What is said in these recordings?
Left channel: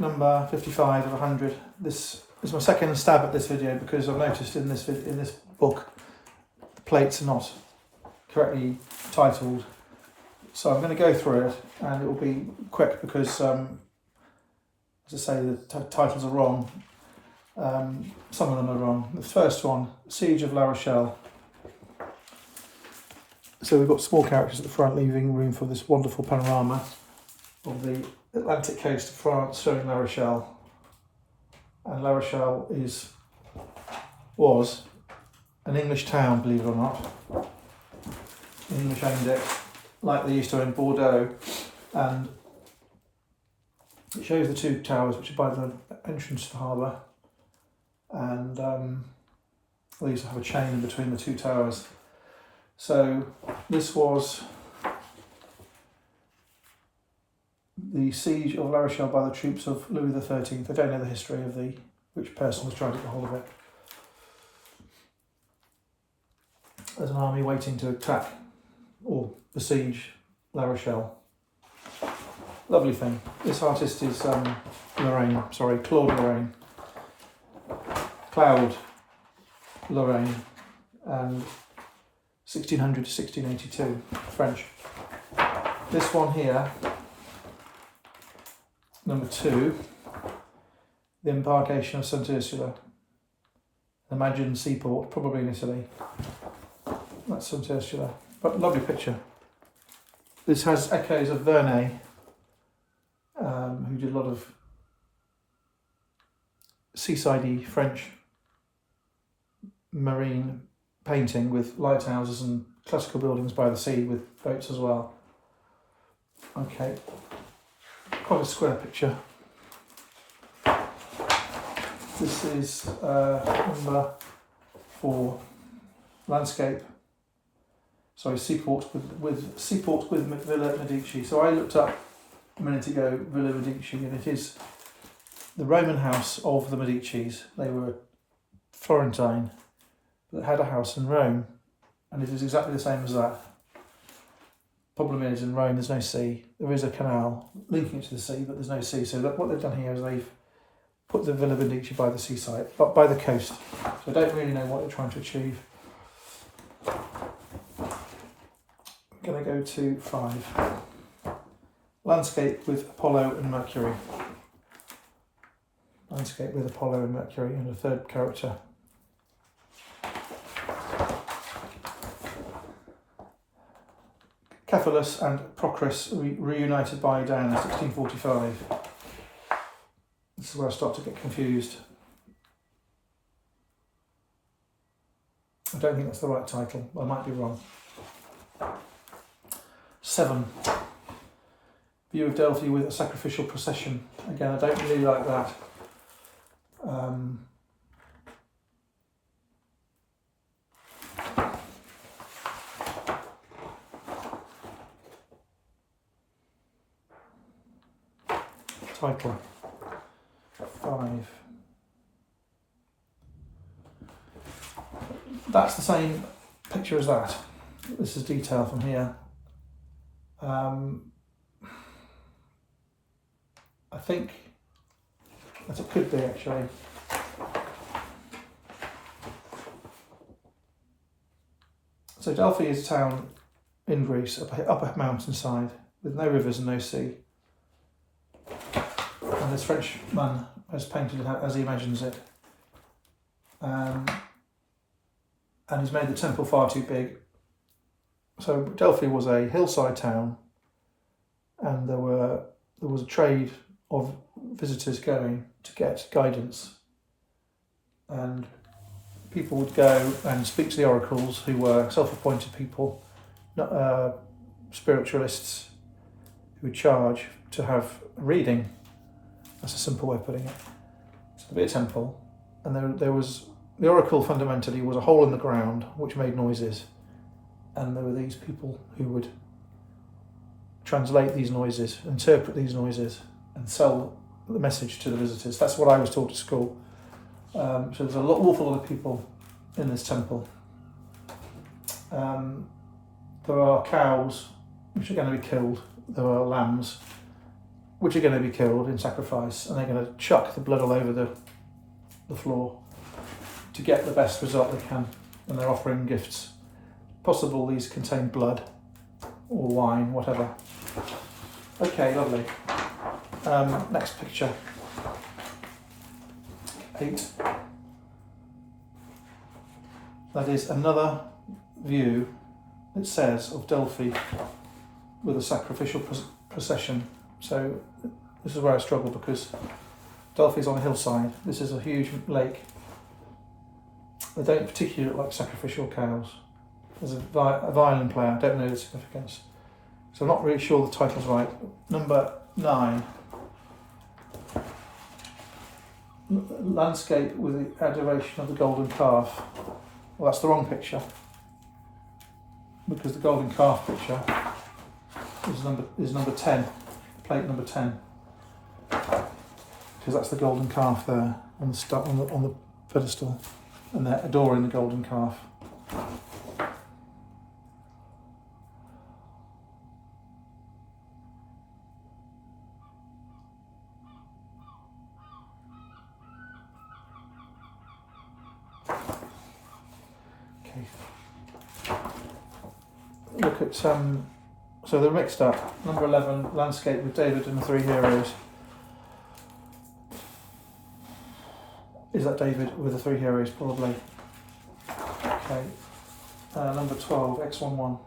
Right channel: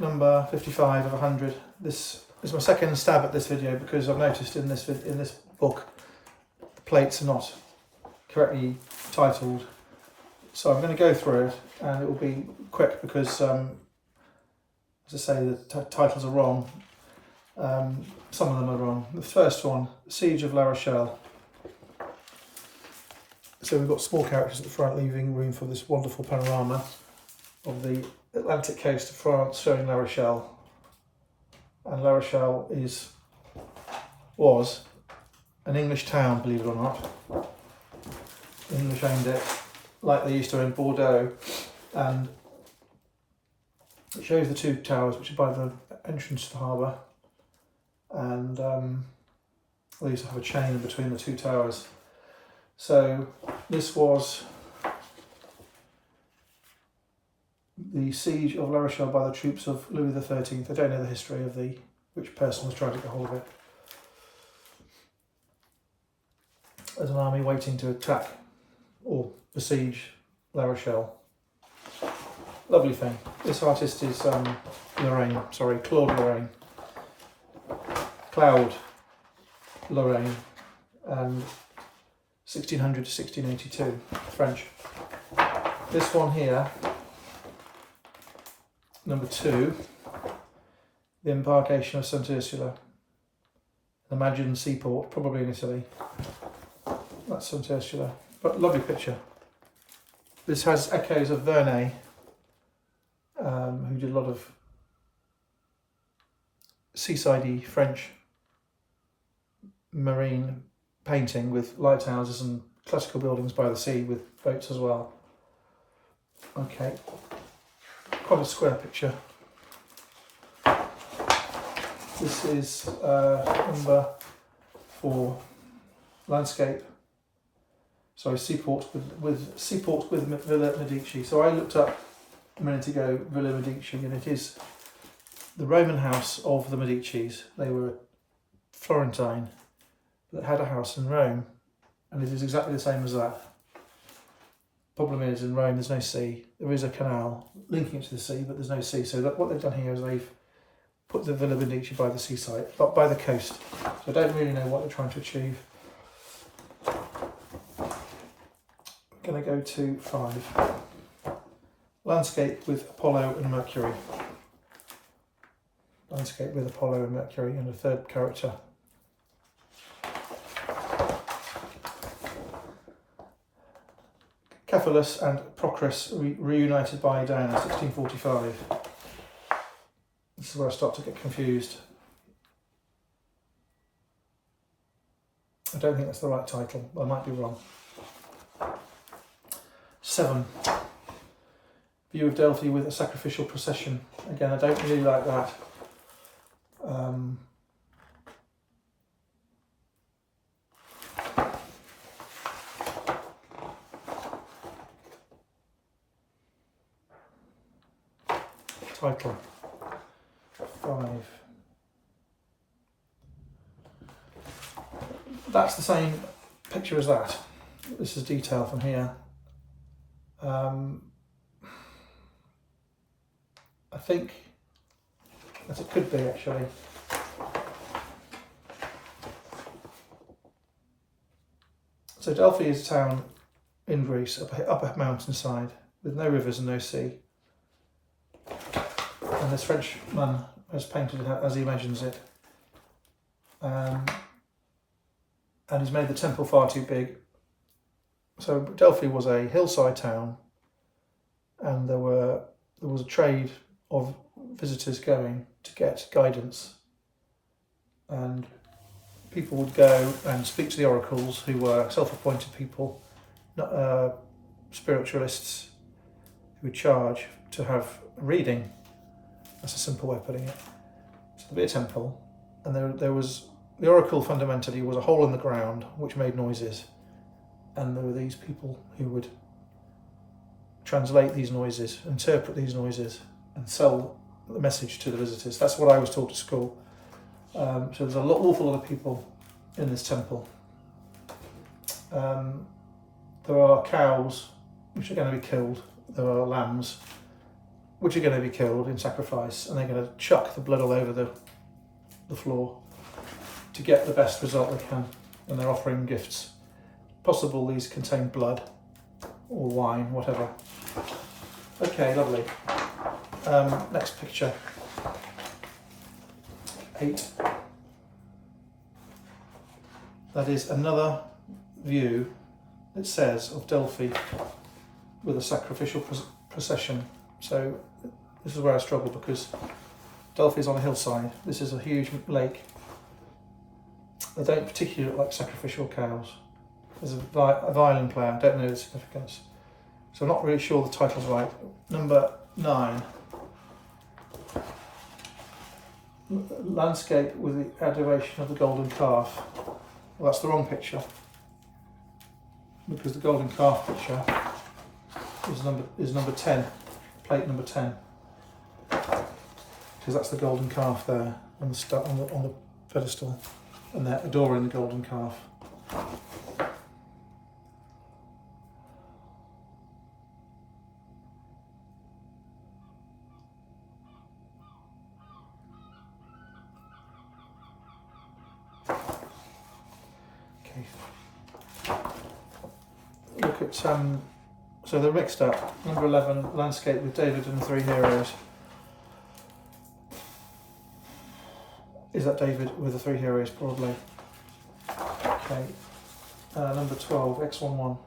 number 55 of 100. This is my second stab at this video because I've noticed in this book the plates are not correctly titled. So I'm going to go through it, and it will be quick because, as I say, the titles are wrong. Some of them are wrong. The first one, Siege of La Rochelle. So we've got small characters at the front, leaving room for this wonderful panorama of the Atlantic coast of France, showing La Rochelle. And La Rochelle was an English town, believe it or not. The English owned it, like they used to own Bordeaux, and it shows the two towers which are by the entrance to the harbour, and they used to have a chain in between the two towers. So this was the siege of La Rochelle by the troops of Louis XIII. I don't know the history of which person was trying to get hold of it. There's an army waiting to attack or besiege La Rochelle. Lovely thing. This artist is Claude Lorrain, and 1600 to 1682, French. This one here, number 2, the embarkation of St. Ursula, an imagined seaport, probably in Italy. That's St. Ursula, but lovely picture. This has echoes of Vernet, who did a lot of seaside-y French marine painting with lighthouses and classical buildings by the sea with boats as well. Okay, quite a square picture. This is number 4, landscape. Sorry, seaport with Villa Medici. So I looked up a minute ago Villa Medici, and it is the Roman house of the Medicis. They were Florentine that had a house in Rome, and it is exactly the same as that. Problem is, in Rome there's no sea. There is a canal linking it to the sea, but there's no sea. So what they've done here is they've put the Villa Medici by the seaside, but by the coast. So I don't really know what they're trying to achieve. I'm going to go to 5. Landscape with Apollo and Mercury. Landscape with Apollo and Mercury, and a third character. Cephalus and Procris reunited by Diana, 1645. This is where I start to get confused. I don't think that's the right title. I might be wrong. 7. View of Delphi with a sacrificial procession. Again, I don't really like that. Title 5. That's the same picture as that. This is detail from here. I think that it could be actually. So Delphi is a town in Greece, up a mountainside with no rivers and no sea. And this Frenchman has painted it as he imagines it. And he's made the temple far too big. So Delphi was a hillside town, and there was a trade of visitors going to get guidance, and people would go and speak to the oracles, who were self-appointed people, spiritualists, who would charge to have a reading. That's a simple way of putting it. So there'd be a temple, and there was the oracle. Fundamentally was a hole in the ground which made noises, and there were these people who would translate these noises, interpret these noises, and sell the message to the visitors. That's what I was taught at school. So there's an awful lot of people in this temple. There are cows which are going to be killed. There are lambs, which are going to be killed in sacrifice, and they're going to chuck the blood all over the floor to get the best result they can, and they're offering gifts. Possible these contain blood or wine, whatever. Okay, lovely. Next picture. 8. That is another view, it says, of Delphi with a sacrificial procession. So this is where I struggle, because Delphi is on a hillside. This is a huge lake. They don't particularly look like sacrificial cows. There's a violin player, I don't know the significance. So I'm not really sure the title's right. Number 9. Landscape with the adoration of the golden calf. Well, that's the wrong picture, because the golden calf picture is number 10, plate number 10, because that's the golden calf there on the pedestal, and they're adoring the golden calf. Look at so they're mixed up. Number 11, landscape with David and the 3 heroes. Is that David with the 3 heroes? Probably. Okay. Number 12, X11,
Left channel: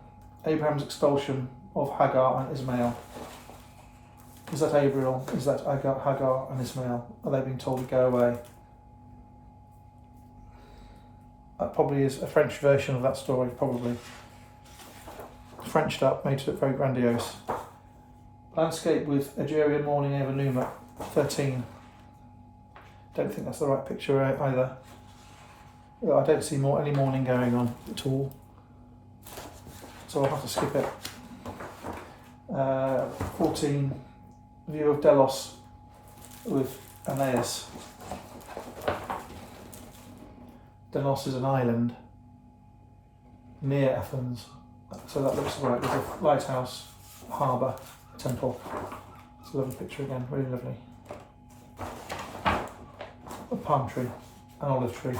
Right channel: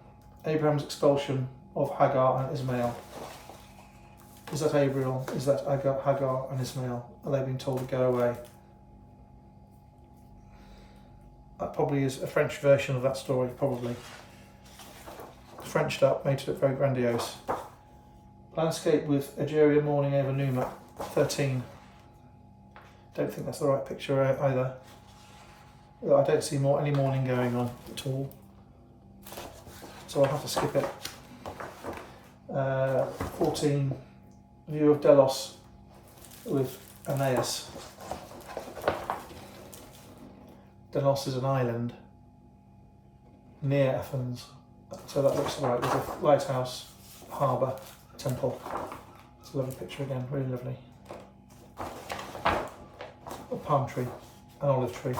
Abraham's expulsion of Hagar and Ismail. Is that Abraham? Is that Hagar and Ismail? Are they being told to go away? That probably is a French version of that story, probably. Frenched up, made it look very grandiose. Landscape with Algerian mourning over Numa, 13. Don't think that's the right picture either. I don't see any mourning going on at all, so I'll have to skip it. 14, view of Delos with Aeneas. Delos is an island near Athens. So that looks right, with a lighthouse, harbour, temple. It's a lovely picture again, really lovely. A palm tree, an olive tree.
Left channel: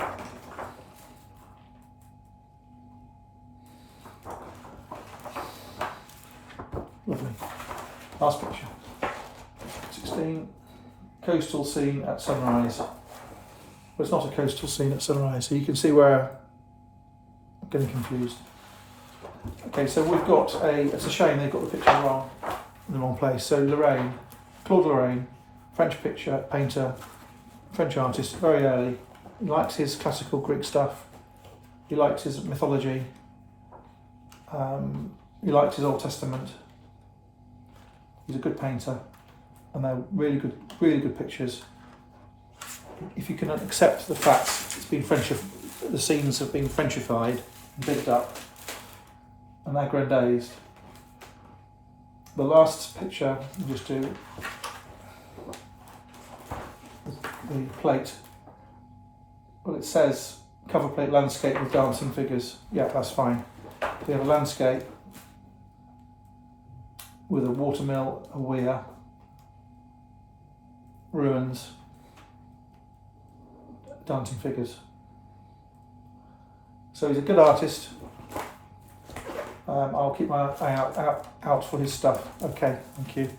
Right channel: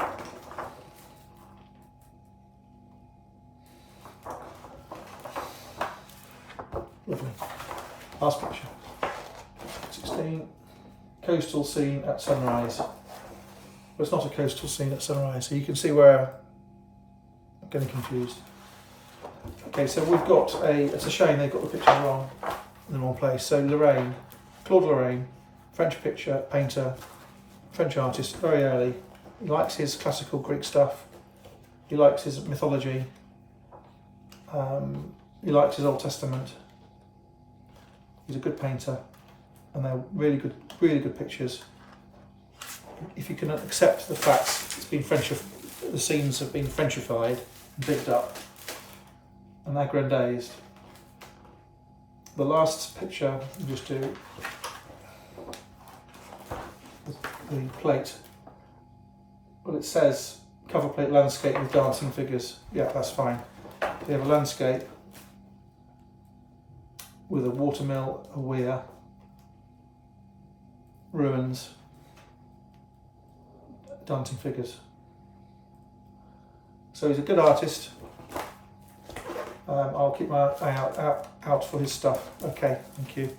Lovely. Last picture. 16, coastal scene at sunrise. Well, it's not a coastal scene at sunrise, so you can see where I'm getting confused. Okay, so we've got it's a shame they've got the picture wrong, in the wrong place. So Lorrain, Claude Lorrain, French painter, French artist, very early. He likes his classical Greek stuff. He likes his mythology. He likes his Old Testament. He's a good painter, and they're really good pictures. If you can accept the fact the scenes have been Frenchified and bigged up, and aggrandized. The last picture, we'll just do the plate. Well, it says cover plate landscape with dancing figures. Yeah, that's fine. They have a landscape with a watermill, a weir, ruins, dancing figures. So he's a good artist. I'll keep my eye out for his stuff. Okay, thank you.